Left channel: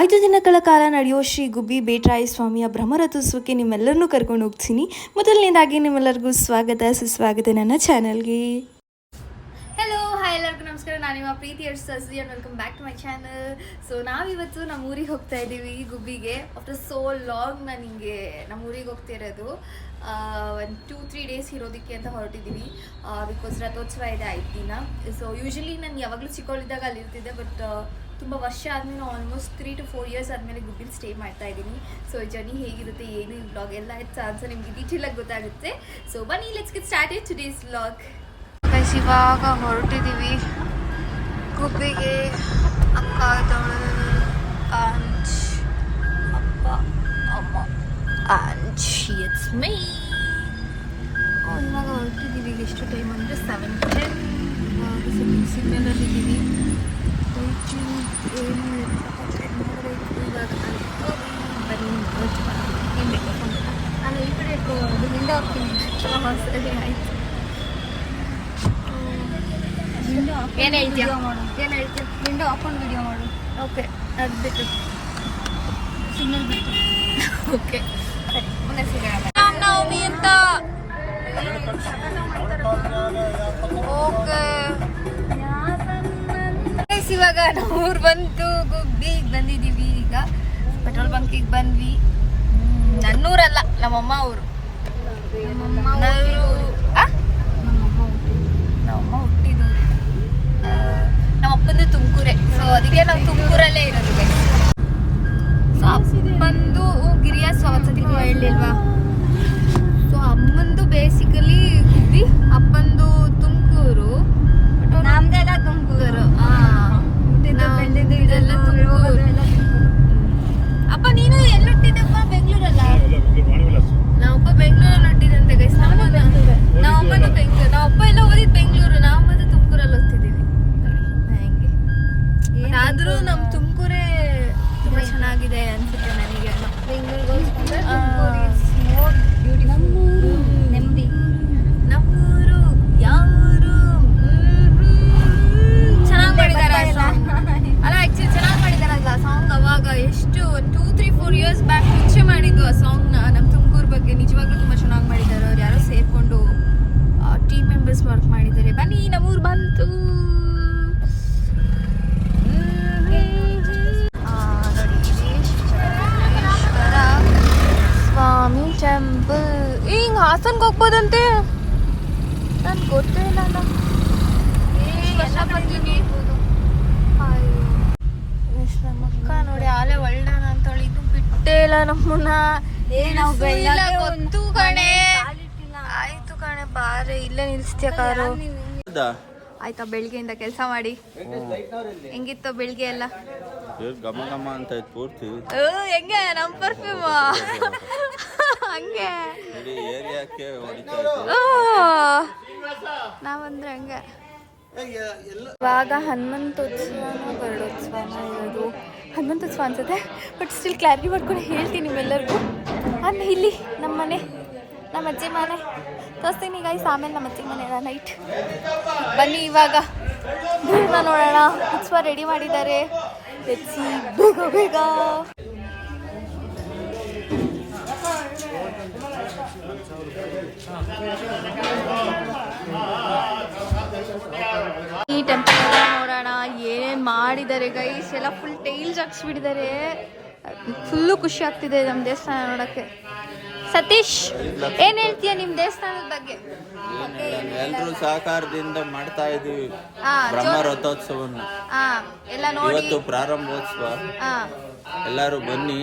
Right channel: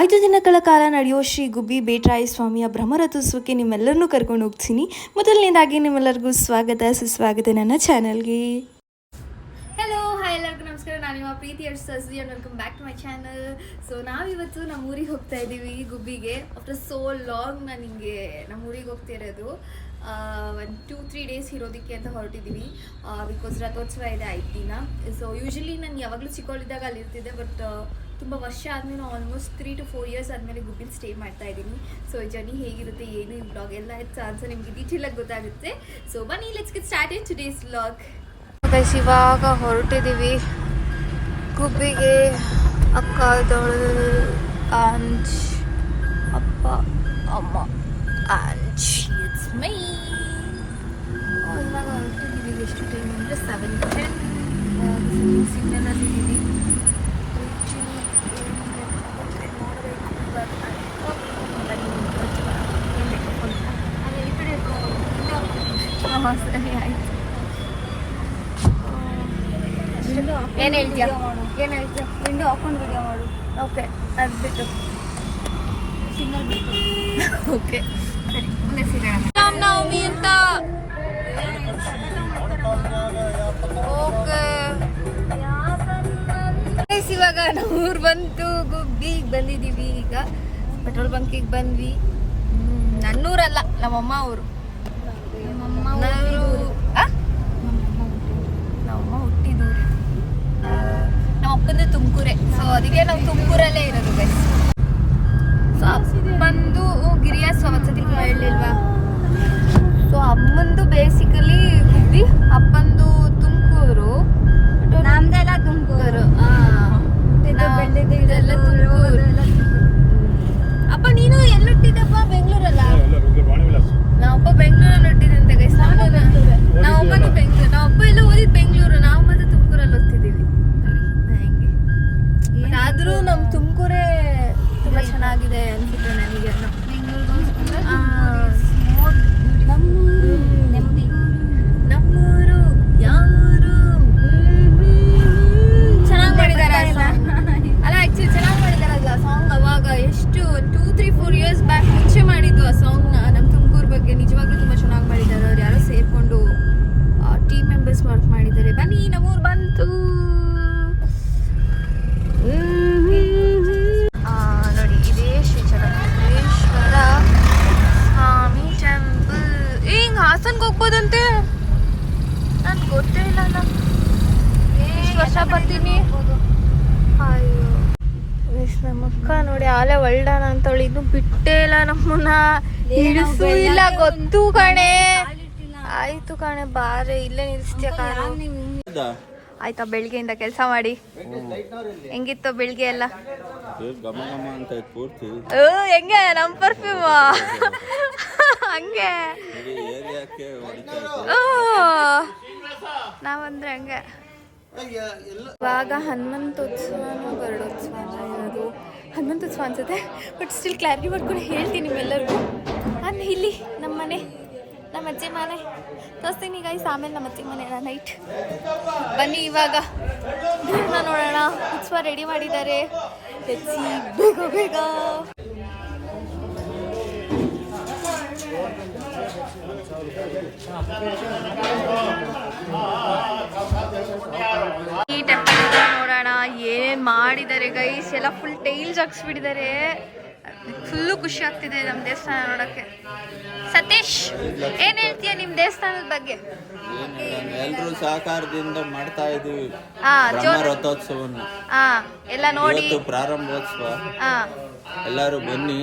ಐದು ದಿನಗಳ ಕಾಲ ನಡೆಯೋ ಶ್ರೀ ಗುಬ್ಬಿ ಬೇಟ್ರಾಯ ಸ್ವಾಮಿಯ ಬ್ರಹ್ಮರಥೋತ್ಸವಕ್ಕೆ ನಿಮ್ಮೆಲ್ಲರನ್ನೂ ಕರ್ಕೊಂಡು ಹೋಗ್ತೀನಿ. ಮೊದಲನೇದಾಗಿ ನಿಮ್ಮೆಲ್ಲರಿಗೂ ಸ್ವಾಗತ, ಸುಸ್ವಾಗತ ನನ್ನ ಚಾನಲ್ಗೆ. ಹಲೋ ಹಾಯ್ ಎಲ್ಲರಿಗೂ ನಮಸ್ಕಾರ. ನಾನು ನಿಮ್ಮ ಪ್ರೀತಿ ಅರ್ಸ್ ಸಸಿ and welcome back to my channel so ನಾವಿವತ್ತು ನಮ್ಮ ಊರಿಗೆ ಹೋಗ್ತಾ ಇದ್ದೀವಿ ಗುಬ್ಬಿಗೆ. ಆಫ್ಟರ್ ಸೋ ಲಾಂಗ್ ನಾನು ಹಿಂಗೆ ನಮ್ಮ ಊರಿಗೆ ಹೋಗ್ತಿರೋದು ಒಂದು ಟೂ ತ್ರೀ ಡೇಸ್ ಇರೋದಕ್ಕೆ ಅಂತ ಹೊರಟಿದ್ದೀವಿ. ಬಿಕಾಸ್ ರಥೋತ್ಸವ ಇದೆ ಐದು ದಿನ. ಸೊ ಯೂಶಲಿ ನಾನು ಯಾವಾಗಲೂ ಚಿಕ್ಕವಳಿದ್ದಾಗ ಅಲ್ಲಿರ್ತಿದ್ದೆ ಬಟ್ ತುಂಬ ವರ್ಷ ಆದಮೇಲೆ almost three to four years ಆದಮೇಲೆ ಗುಬ್ಬಿಲಿ ಸ್ಟೇ ಮಾಡ್ತಾ ಇದ್ದೀನಿ. ಸೊ ಜರ್ನಿ ಹೇಗಿರುತ್ತೆ ಏನು ಈ ಬ್ಲಾಗ್ ಎಲ್ಲ ಆನ್ಸರ್ ನಿಮಗೆ ಆಗಿ ಗೊತ್ತಾಗುತ್ತೆ. ಸೊ ಬನ್ನಿ let's get start it today's blog guys ಇವಾಗ ಹೊರಟಿದ್ದೀವಿ ಗುಬ್ಬಿಗೆ ಅಕ್ಕ ಆಂಚ್ ಇಟ್ಸ್ ಮೈ ಇವಾಗ ಹೊರಟಿದ್ದೀವಿ ಎಷ್ಟು ಟೈಮ್ ಅಂದರೆ ಸೆವೆನ್ ಟೆನ್ ಇವಾಗ ಸಿಗ್ನಲಲ್ಲಿ ಇದ್ದೀವಿ ಇವಾಗ ಬನ್ನಿ ಏನು ಬೇಕು ಫೋನ್ ನಾನು ಈ ಕಡೆ ಹಿಂದೆ ಹೋಗ್ತೀನಿ ಹಾಂ ಸರಿ ಆಯಿತು ಏನು ಹೇಳ್ತೀಯ ಏನು ಹೇಳ್ತೀಯ ವಿಂಡೋ ಆಫನ್ ವಿಡಿಯೋ ಮಾಡು ಓಕೆ ಅದು ಸಿಗ್ನಲ್ ಬಿಟ್ಟು ಓಕೆ ಮುಂದೆ ಸಿಗೋಣ ರಾಮನವಮಿ ಅಂತ ಓಕೆ ಇವಾಗ ನಮ್ಮ ಊರು ಬಂತು ಗುಬ್ಬಿಗೆ ಬಂದಿದೀವಿ ಈಗ. ಪೆಟ್ರೋಲ್ ಬಂಕಿಗೆ ಬಂದ್ವಿ. ನನ್ನೂರಲ್ಲ ನಮ್ಮಮ್ಮ ಊರು. ಓದಿದ್ ಬೆಂಗಳೂರು ನಾವು ಮತ್ತೆ ತುಮಕೂರಲ್ಲಿ ಓದ್ತಿದ್ದೀವಿ ಹೆಂಗೆ. ಆದ್ರೂ ನಮ್ಮ ತುಮಕೂರೇ ತುಂಬಾ ಚೆನ್ನಾಗಿದೆ ಅನ್ಸುತ್ತೆ ನನಗೆ. ನೆಮ್ಮದಿ ಗೊತ್ತು ಕಣೆ. ಆಯ್ತು ಕಣೆ ಬಾರೆ ಇಲ್ಲೇ ನಿಲ್ಸ್ತೀಯ ಕಾರು? ಆಯ್ತಾ ಬೆಳಿಗ್ಗೆಯಿಂದ ಕೆಲಸ ಮಾಡಿ? ಹೆಂಗಿತ್ತು ಬೆಳಿಗ್ಗೆ ಎಲ್ಲ? ಗಮ ಗಮ ಅಂತ ಇತ್ತು ಪೂರ್ತಿ. ಹೆಂಗೆ? ನಮ್ ಪರ್ಫ್ಯೂಮ್ ಹಂಗೆ? ನಾವಂದ್ರೆ ಹಂಗೆ. ಇವಾಗ ಹನುಮಂತೋತ್ಸವನ ಬರಡೋತ್ಸವನ ಇರೋದು. ಹನುಮಂತೋತ್ಸವ ಅನ್ಸುತ್ತೆ ಬಟ್ ಸ್ಟಿಲ್ ಕ್ಲಾರಿಟಿ ಮಾಡ್ಕೊಂಡು ಹೇಳ್ತೀನಿ ನಿಮ್ಮೆಲ್ಲರಿಗೂ. ಆಮೇಲೆ ಇಲ್ಲಿ ನಮ್ಮ ಮನೆ, ನಮ್ಮ ಅಜ್ಜಿ ಮನೆ. ತೋರಿಸ್ತೀನಿ ಗೈಸ್ ಆಮೇಲೆ ನಮ್ಮ ಅಜ್ಜಿ ಮನೆ ನೈಟ್ ಬನ್ನಿ ಇವಾಗ. ದೇವ್ರನ್ನ ನೋಡೋಣ. ಉತ್ಸವ ರೆಡಿ ಮಾಡಿದ್ದಾರೆ. ಬೇಗ ಬೇಗ. ಈ ಟೆಂಪಲ್ ನೋಡೋಣ. ಏನೇನ್ ಮಾಡಿದ್ದಾರೆ ಗೈಸ್ ಎಲ್ಲ ಫುಲ್ ಟೈಲ್ಸ್ ಹಾಕ್ಸ್ಬಿಟ್ಟಿದ್ದಾರೆ. ಫುಲ್ಲು ಖುಷಿ ಆಗ್ತಿದೆ ನಮ್ಮ ದೇವಸ್ಥಾನ ನೋಡಕ್ಕೆ. ಸತೀಶ್ ಏನ್ ಹೇಳ್ತೀಯ ನಿಮ್ ದೇವಸ್ಥಾನದ ಬಗ್ಗೆ? ಎಲ್ಲರೂ ಎಲ್ರೂ ಸಹಕಾರದಿಂದ ಮಾಡ್ತಾ ಇದೀವಿ ಬ್ರಹ್ಮ ರಥೋತ್ಸವನ್ನ ಹಾ ಎಲ್ಲ ನೋಡಿ. ಇವತ್ತು ಪ್ರಾರಂಭೋತ್ಸವ. ಎಲ್ಲಾರು ಬನ್ನಿ.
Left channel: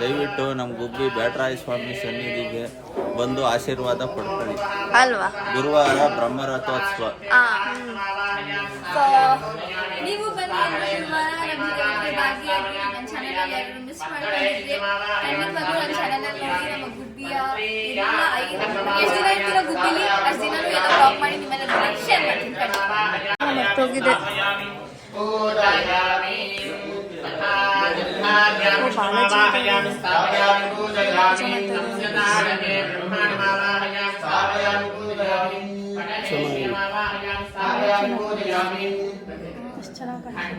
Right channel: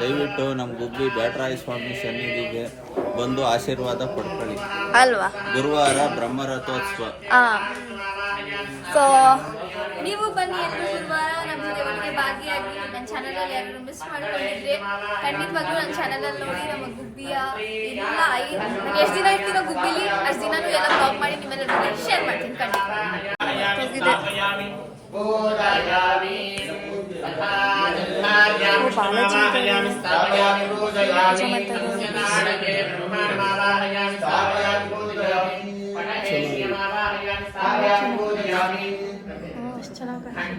ದಯವಿಟ್ಟು ನಮ್ ಗುಬ್ಬಿ ಬ್ಯಾಟರಾಯ ಸ್ವಾಮಿ ಸನ್ನಿಧಿಗೆ ಬಂದು ಆಶೀರ್ವಾದ ಪಡ್ಕೊಳ್ಳಿ. ಅಲ್ವಾ? ಗುರುವಾರ ಬ್ರಹ್ಮ ರಥೋತ್ಸವ. ನೀವು ಬನ್ನಿ ಎಲ್ಲರೂ ಗುರುವಾರ ನಮ್ಮ ಜೊತೆ ಭಾಗಿಯಾಗಿ ನನ್ನ ಚಾನಲಲ್ಲಿ ಯಾರು ಮಿಸ್ ಮಾಡ್ಕೊಂಡಿದ್ರೆ ಖಂಡಿತವಾಗ್ಲೂ ನನ್ನ ಚಾನಲಲ್ಲಿ ನೋಡಿ ನಮ್ಮ ಗುಬ್ಬಿಯ ಎಲ್ಲ ಐದು ಎಷ್ಟು ದಿನ ಇರ್ತೀರೋ ಗುಬ್ಬಿಲಿ? ಅಷ್ಟು ದಿನನೂ ಎಲ್ಲ ಬ್ಲಾಗ್ ಮಾಡಿ ನಿಮ್ಮೆಲ್ಲ ಶೇರ್ ಮಾಡ್ತೀನಿ ಖಂಡಿತ. ಹೋಗಿದೆ.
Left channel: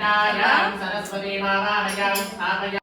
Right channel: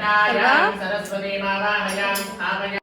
सरस्वती मालायां स्थापय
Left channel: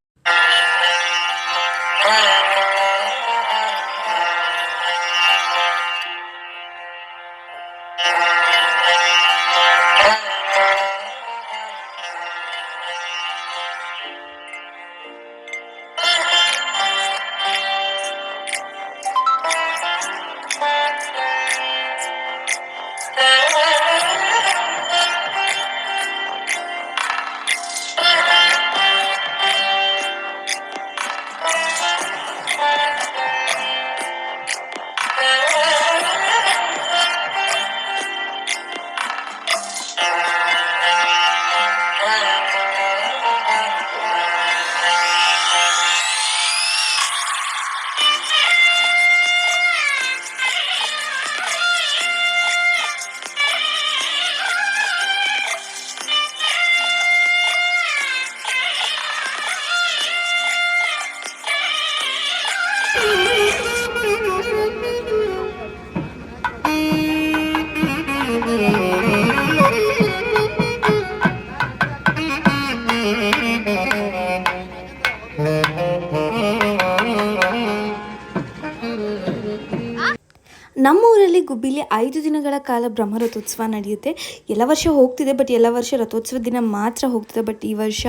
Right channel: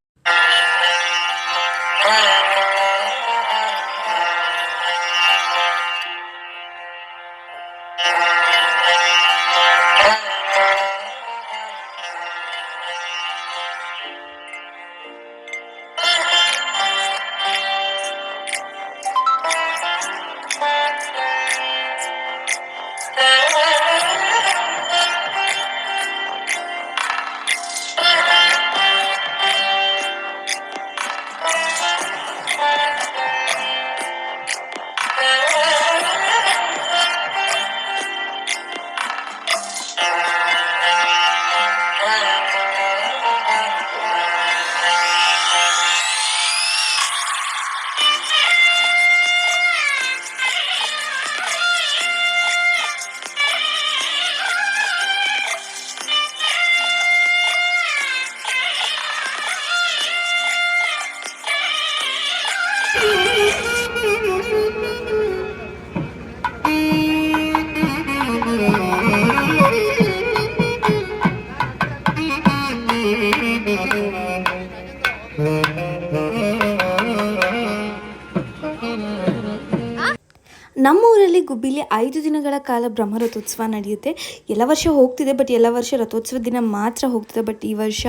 ಗುಬ್ಬಿಲಿ ಐದು ದಿನಗಳ ಕಾಲ ಬ್ರಹ್ಮ ರಥೋತ್ಸವ ನಡೆಯುತ್ತೆ. ಎಲ್ಲ ವರ್ಷ ಹೋಗ್ತಿದೆ ಬಟ್ ಎಲ್ಲ ವರ್ಷ ರಥೋತ್ಸವ ದಿನ ಮಾತ್ರ ಹೋಗ್ತಿದೆ. ಬಟ್ ಈ ವರ್ಷ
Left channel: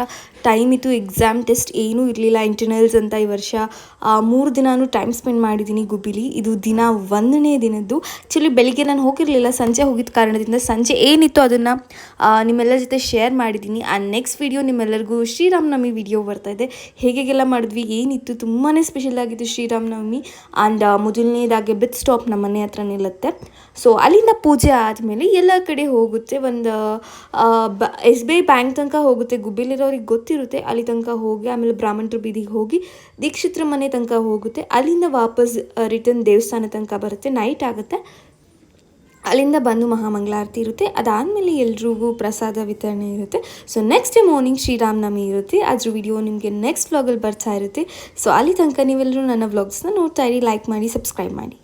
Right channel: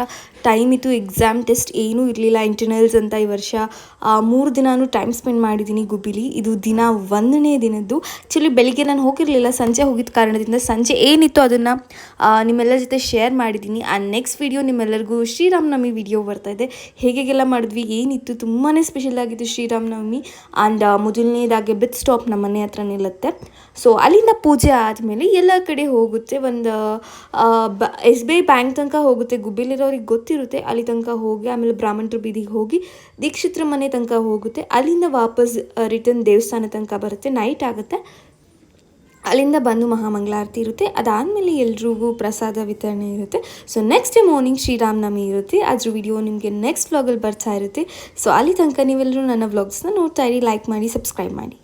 ಟೈಮ್ ಇತ್ತು ಎಕ್ಸಾಮ್ ಟೆಸ್ಟ್ ಏನೂ ಇರಲಿಲ್ಲ ಇಂಟರ್ನಲ್ಸ್ ಅಂತ ಈ ವರ್ಷ. ಮೂರು ದಿನಾನು ಟೈಮ್ ಸ್ಪೆಂಡ್ ಮಾಡಿದ್ದೀನಿ ಗುಬ್ಬಿಲಿ. ಇದು ದಿನ ಒಂದನೇ ದಿನದ್ದು. ಆ್ಯಕ್ಚುಲಿ ಬೆಳಿಗ್ಗೆ ನಾನು ಹೋಗಿರಲಿಲ್ಲ, ಸಂಜೆ ಹೋಗಿದ್ದ ಕಾರಣದಿಂದ ಸಂಜೆ ಏನಿತ್ತು ಅದನ್ನು ನಿಮ್ಮೆಲ್ಲರ ಜೊತೆ ಶೇರ್ ಮಾಡಿದ್ದೀನಿ. ಆ ನೆಕ್ಸ್ಟ್ ವಿಡಿಯೋ ನಿಮ್ಮೆಲ್ಲರಿಗೂ ಶ್ರೀರಾಮನವಮಿ ವಿಡಿಯೋ ಬರ್ತಾ ಇದೆ. ಹೇಗೆಲ್ಲ ಮಾಡಿದ್ವಿ, ಏನಿತ್ತು ತುಂಬಾ ಸ್ಪೆಷಲ್ ಆಗಿತ್ತು ಶ್ರೀರಾಮನವಮಿ. ಆ್ಯಂಡ್ ಮೊದಲನೇದಾಗಿ ಬಿತ್ ಸ್ಟಾಪ್ ನಮ್ಮ ಮನೆ ಹತ್ರ ನಿಲ್ಲುತ್ತೆ ಸೊ ಅಲ್ಲಿಂದ ಪೂಜೆ ಆದಮೇಲೆ ಎಲ್ಲ ಕಡೆ ಹೋಗುತ್ತೆ ಒಂದು ಬ ಎಸ್ ಬಿ ಐ ಬ್ಯಾಂಕ್ ತನಕ ಹೋಗುತ್ತೆ. ಗುಬ್ಬಿಲಿರೋರಿಗೆ ಗೊತ್ತಿರುತ್ತೆ. ಅಲ್ಲಿ ತನಕ ಹೋಗಿ, ಆಮೇಲೆ ಬ್ರಾಹ್ಮಣರ ಬೀದಿಗೆ ಹೋಗಿ ದೀಕ್ಷಿತ್ರ ಮನೆ ತನಕ ಹೋಗುತ್ತೆ. ಅಲ್ಲಿಂದ ವಾಪಸ್ ರಿಟರ್ನ್ ದೇವಸ್ಥಾನ ತನಕ ಬರುತ್ತೆ. ನೈಟ್ ಆಗುತ್ತೆ. ಅಲ್ಲಿಂದ ಬಂದು ಮಹಾಮಂಗಳಾರತಿ ಇರುತ್ತೆ. ಅದಾದಮೇಲೆ ಎಲ್ರಿಗೂ ಪ್ರಸಾದ ವಿತರಣೆ ಇರುತ್ತೆ. So next day morning Sriramanavami ಇರುತ್ತೆ. ಅದ್ರ ವಿಡಿಯೋ ನಿಮಗೆ ನೆಕ್ಸ್ಟ್ ವ್ಲಾಗಲ್ಲಿ ಬರ್ತಾ ಇರುತ್ತೆ. ಸೊ ಅಲ್ಲಿ ತನಕ ನೀವೆಲ್ಲರೂ ನನ್ನ ವ್ಲಾಗ್ಸ್ನ ನೋಡ್ತಾ ಇರಿ. ಲೈಕ್ ಮಾಡಿ ಸಬ್ಸ್ಕ್ರೈಬ್ ಮಾಡಿ.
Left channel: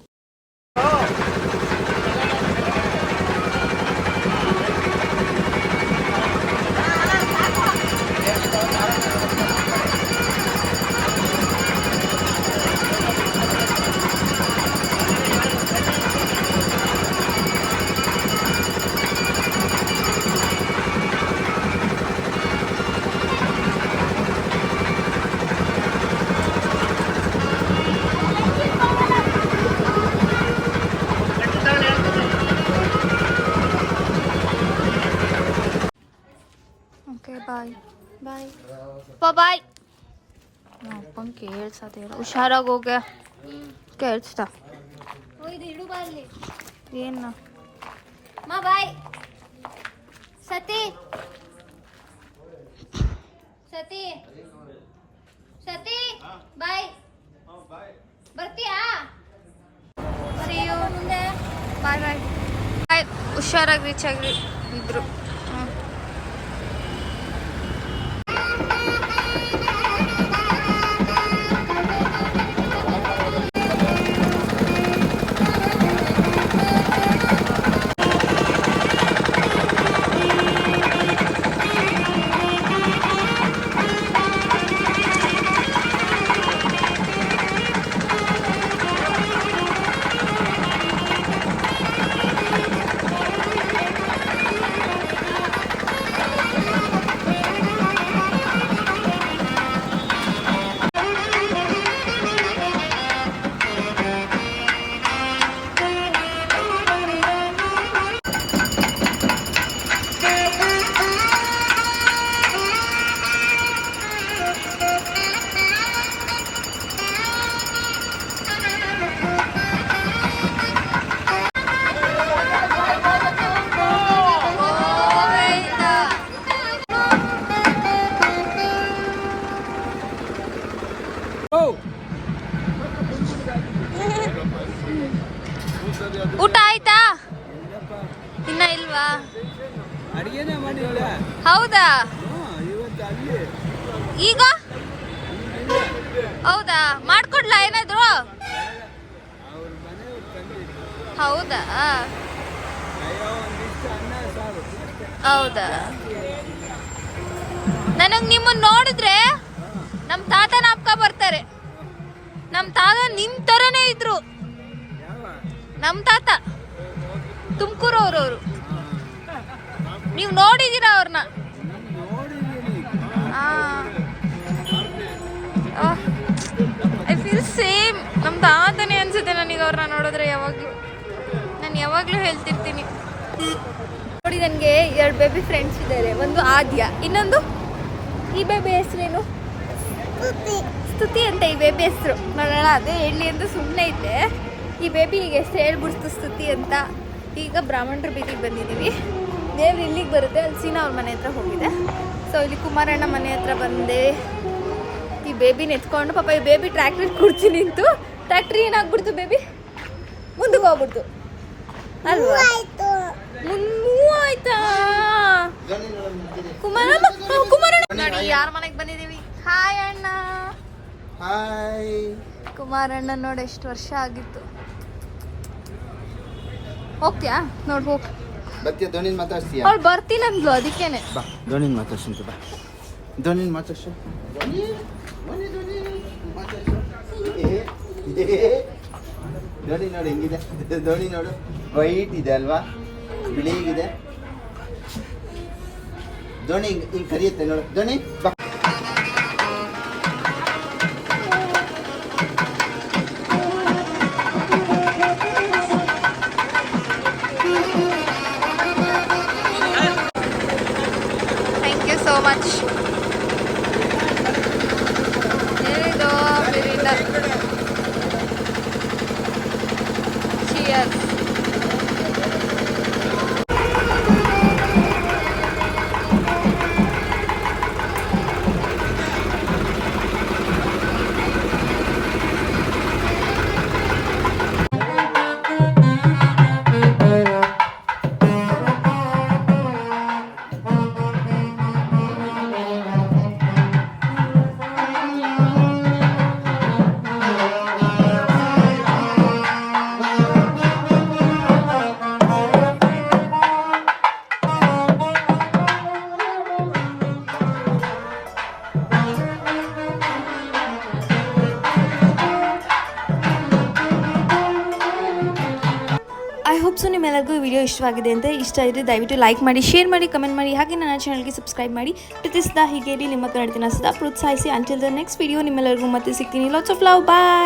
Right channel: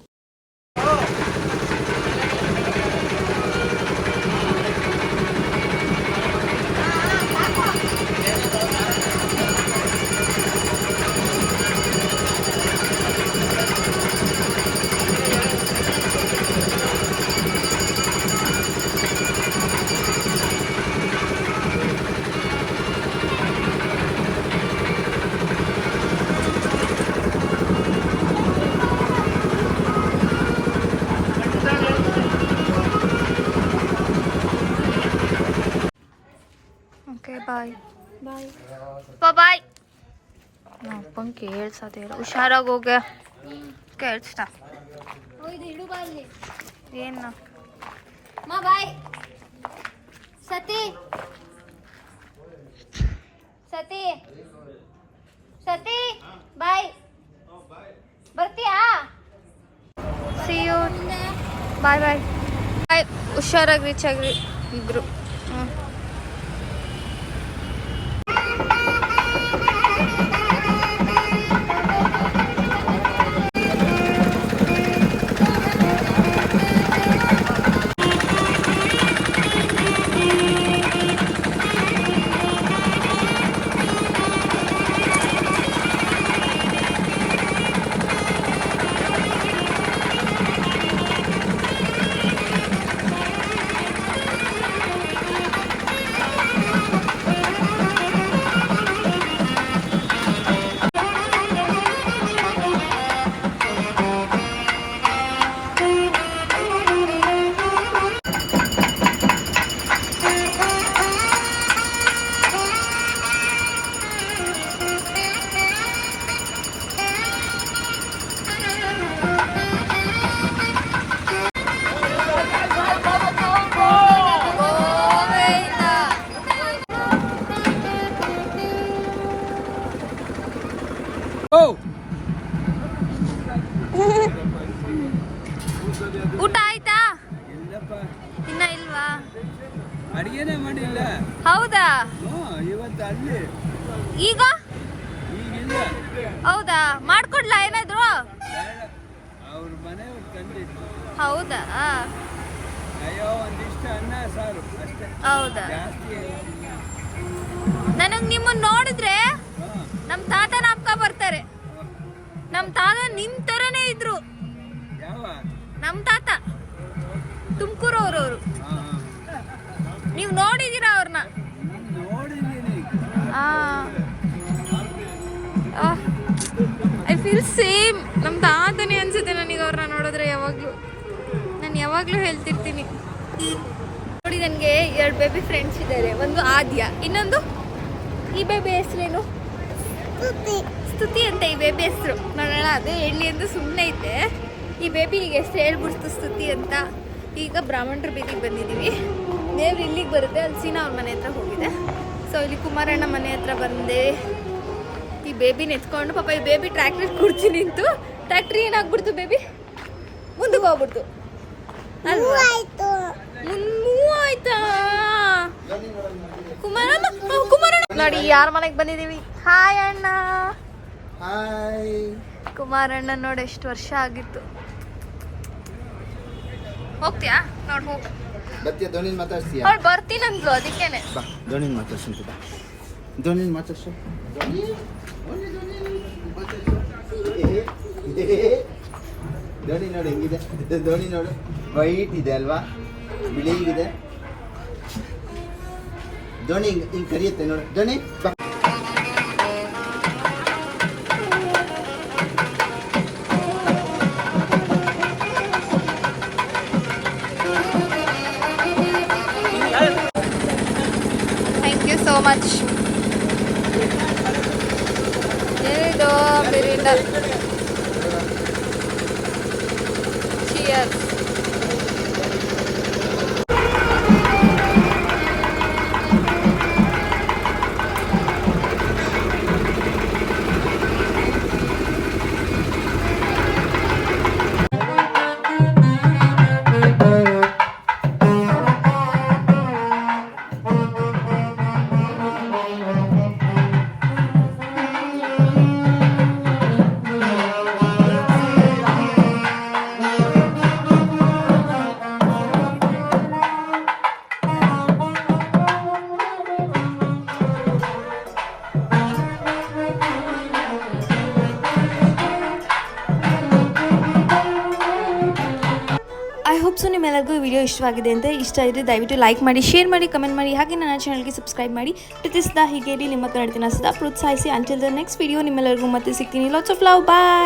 ಅಪ್ಪಂಗೆ ಕೇಳ್ಸೋದೇ ಇಲ್ಲ ಹುಷಾರಾಗಿ ಹೋಗ್ಯ ಕೇಳಿಸ್ತ ಇದು ಇಡು ಬಾ ಇಲ್ಲಿ ಏನು ಮಾ ಬಾಯ್ ಸತಿ ಸತಿ ಸತಿ ಬಾಯ್ ಬರ್ತೀಯಾ See you. ಮುಂದೆ ಬಾಯ್ ಬಾಯ್ ಬಾಯ್ ಹುಷಾರಾಗಿ ರೀಚ್ ಆಗ್ರಿ ಇಬ್ರು ಹ್ಞೂ ಇನ್ನ ಇಲ್ವಾ? ಅಡಿಗೆನೇ ಮಾಡಿಲ್ಲ. ಹೌದಾ? ಇವತ್ತು ಅಲ್ಲಿ. ಈಗ? ಹೌದಾ? ಮಾಡ್ಕೊಡ್ಲಾ ಏನಾದ್ರು? ಅವ್ರ ಮನೆಯವ್ರು ತಂದಿಟ್ಟು ಹೌದಾ? ಅಯ್ಯೋ ಒಂದಿಷ್ಟು ಅನ್ನ ಸಾರು. ಅಷ್ಟೇ. ಹೌದಾ? ನನಗ್ ನಿಮ್ಮನ್ನ ನೋಡಿದ್ರೆ ನಮ್ಮ ತಾತ ನಾಪ್ಕ ಬರ್ತಾರೆ. ನಮ್ಮ ತಾತ ನಿಮ್ ತರನೇ ಇದ್ರು. ನಮ್ ನಮ್ಮ ತಾತ. ತುಮಕೂರು ಅವರು ನೀವು ನೋಡಿದೀರಾ ಅವ್ರನ್ನ ಐ ಫೀಲ್ ಸೇಮ್ ನಮ್ಮ ತಾತನೇ ಅನ್ಸುತ್ತೆ ನನಗೆ ಅವ್ರನ್ನ ನೋಡಿದ್ರೆ ಯಾವಾಗಲೂ. ನಾನು ಯಾವಾಗಲೂ ಹೇಳ್ತಿರ್ತೀನಿ. ನೋಡಿ ನನಗೆ ಎರಡು ಬೇಬಿ ಫ್ರೆಂಡ್ಸ್ ಇದ್ದಾರೆ ಒಂದು ಆದ್ಯ, ಇನ್ನೊಂದು ಈ ಬೇಬಿ ಹೆಸರೇನು? ಸ್ತುತಿ. ಅಂತ ಈ ಬೇಬಿ ಹೆಸರು. ನೋಡೋಣ, ಅದು ಹೇಳಿ ಅಂತ ಸುಮ್ಮನೆ ಇದ್ದೆ ಈ ಬೇಬಿ ಎಷ್ಟು ಹೇಳ್ಬಿಡ್ತು ಸ್ತುತಿ ಅಂತ. ಈಗ ಬ್ರಾಹ್ಮಣರ ಬೀದಿಗೆ ಬಂದಿದ್ದೀವಿ. ದೇವ್ರು ಇಲ್ಲಿಗೆ ಬರುತ್ತೆ ಅಲ್ಲಿ ಸೀನಾ ಅವ್ರ ಮನೆ ಹತ್ರ ಹೋಗಿದೆ. ಸೊ ಇಲ್ಲಿ ಕುಮಾರಣ್ಣ ಮನೆ ಹತ್ರ ಬಂದೆ. ಈ ಬೇಬಿನ ಎತ್ಕೊಂಡು ಪಾಪ ಈ ಬೇಬಿ ಟ್ರ್ಯಾಕ್ಟ್ರಿ ಕುರ್ಚಿ ನಿಂತು. ಟ್ರ್ಯಾಕ್ಟ್ರಿ ಏನಾಗ್ಬಿಡ್ತು ಬೇಬಿ ಮುಂದಕ್ಕೆ ಹೋಗ್ಬಿಡ್ತು. ಅಲ್ವಾ? ಆಯ್ತಾ ಕುಮಾರಣ್ಣ ಕುಮಾರಣ್ಣ. ನೋಡಿ ಯಾರ ಮನೆಗೆ ಬಂದಿದ್ದೀವಿ? ಹಾಯ್ ಅಣ್ಣ. ಹಾಯ್ ಕುಮಾರಣ್ಣ ನೋಡಿ ಎಷ್ಟು ವರ್ಷ ಆಗಿತ್ತು. ಹೋಗ್ತೀಯಾ ನೋಡಿ ಹೋಗ್. ಬರ್ತೀಯ ಧೋನಿನ್ ಮಾತಾಡ್ತೀಯ ಅವ್ಳು ಬರ್ತೀನಂದ್ಲು ಅದಕ್ಕೇನೆ. ಬಾ ಧೋನಿನ್ ಮಾತಾಡ್ಸಂತ ಬಾ. ಧೋನಿನ್ ಮಾತಾಡ್ಸು. ಧೋನಿ ಧೋನಿ ಧೋನಿ ಮಾತಾಡ್ಸು. ಧೋನಿ ನೋಡು ಹೆಂಗಿದೆ. ಧೋನಿ ನೋಡು. ವೈಟ್ ಇದೆ ಅಲ್ವಾ? ಬಿಳಿಗಿದೆ ಧೋನಿ ಹಿಂಗೆ ಹಿಂಗೆ ಕರಿಯುತ್ತೆ ನೋಡು. ಧೋನಿ ಬಾ. ಐ ಹೋಪ್ ಸೊ ನಿಮ್ಮೆಲ್ಲರಿಗೂ ವಿಡಿಯೋ ಇಷ್ಟವಾಗಿದೆ ಅಂತ ಇಷ್ಟ ಇದ್ದರೆ ದಯವಿಟ್ಟು ಲೈಕ್ ಮಾಡಿ ಶೇರ್ ಮಾಡಿ ಕಮೆಂಟ್ ಮಾಡಿ, ಹಾಗೆ ನನ್ನ ಚಾನಲ್ಗೆ ಸಬ್ಸ್ಕ್ರೈಬ್ ಮಾಡಿ. ಪ್ರೀತಿಸಿದ ಹೀಗೆ ನಿಮ್ಮ ಕನ್ನಡತಿನ ಸದಾ ಪ್ರೋತ್ಸಾಹಿಸಿ. ಅಂಟಿಲ್ ದ ನೆಕ್ಸ್ಟ್ ವಿಡಿಯೋ ನಿಮ್ಮೆಲ್ಲರಿಗೂ ಮತ್ತೆ ಸಿಗ್ತೀನಿ. Lots of love bye